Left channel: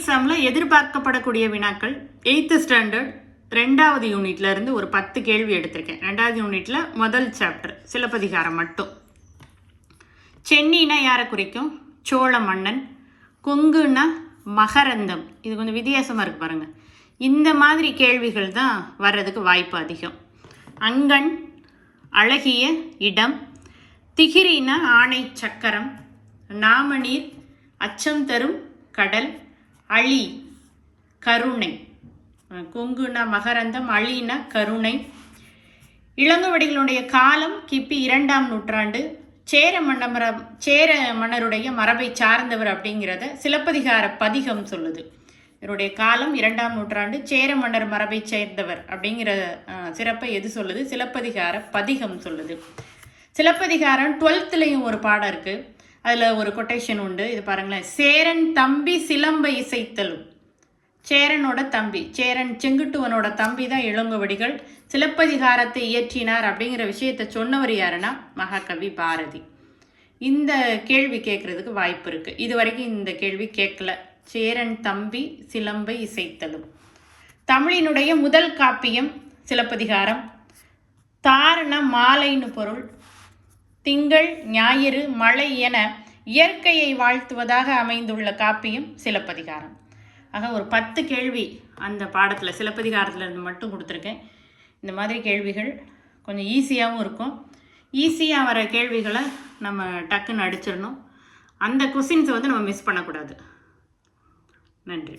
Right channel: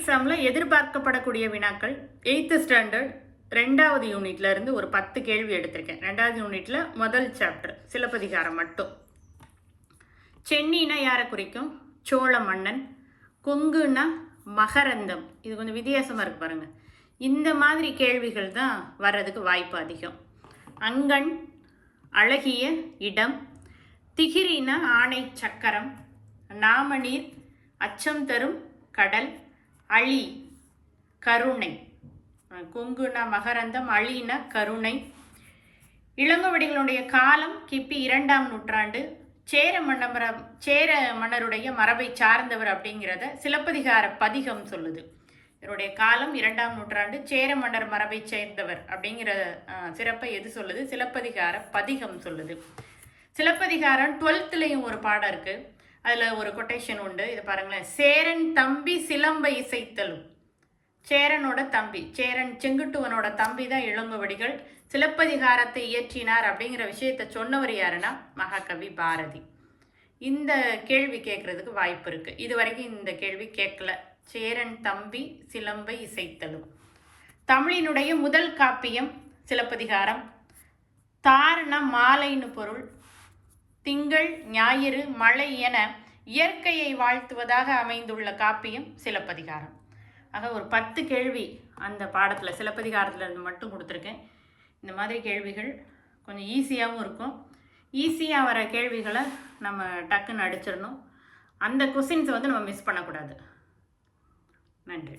எக்ஸாமில் எதிர்பார்க்கப்படக்கூடிய வினாக்கள் 8th standard 2வது யூனிட்ல இருந்து ஒரு 10 கேள்வி எடுத்திருக்கேன். 2வது யூனிட்ல முதல் சாப்டர் சிலப்பதிகாரம் மட்டும். சென்னினா யாரை குறிக்கும்? சோழ மன்னன். கொங்குன்னா மகரந்தம். இது கொஞ்சம் வித்தியாசமாக இருக்கு பாருங்க. இந்த மாதிரி கேள்விகள் தான் வர்றதுக்கு வாய்ப்பு அதிகம். அங்கண் அழகிய இடம். திகிரினா ஆணை சக்கரம். நாமநீர் அச்சம் தரும் கடல். அழி கருணை. கொங்குனா மகரந்தம், அழினா கருணை. இளங்கோவடிகளுடைய காலம் கிபி 2ஆம் நூற்றாண்டு. சேர மன்னருடைய மரபை சார்ந்தவர் அப்படிங்கிறத சிலப்பதிகார பதிகம் சொல்லுது. இவருடைய காலம் 2ஆம் நூற்றாண்டு, சேர மன்னர் மரபை சேர்ந்தவர் அப்படிங்கிற சிறப்பை எது சொல்லுது? சிலப்பதிகார பதிகம் சொல்லுது. சிலப்பதிகாரம் 12லையும் ஒரு பாடம் இருக்கு. அதில் ஒரு கொட்டேஷன் உண்டு. இது பாருங்களேன். சேரன் தம்பி சிலம்பை இசைத்தலும். சேரனோட தம்பி, சேரன் செங்குட்டுவனோட தம்பி தான் இளங்கோவடிகள். சிலப்பதிகாரத்தை இயற்றினார் அப்படிங்கிற விஷயத்தை சொன்னவர் யாருன்னா மகாகவி பாரதி. இந்த கேள்வி கேட்கறதுக்கு வாய்ப்பு இருக்கு. இது வரைக்கும் இந்த கேள்வி கேட்கல. சேரன் தம்பி சிலம்பை இசைத்தலும். தமிழினுடைய முதல் காப்பியம் சிலப்பதிகாரம். தாரண மாலைன்னு பொருள். திங்கள் ஞாயிறு மழை என இயற்கையை வாழ்த்துவதாக அமைந்துள்ள காப்பியம் சிலப்பதிகாரம். ஆக ஒரு 10 கேள்வி அந்த பாடத்தில் சிலப்பதிகாரத்தில் இருந்து மட்டும் கொடுத்துருக்கேன். இந்த மாதிரி கேள்விகள் கொஞ்சம் ஈஸியாகவும் இருக்கும். ஈஸியாக வர கேள்விகளை நம்ம டக்குன்னு அடிச்சிடணும். அந்த கொஸ்டின்ஸை நம்ம மிஸ் பண்ணக்கூடாது. நன்றி.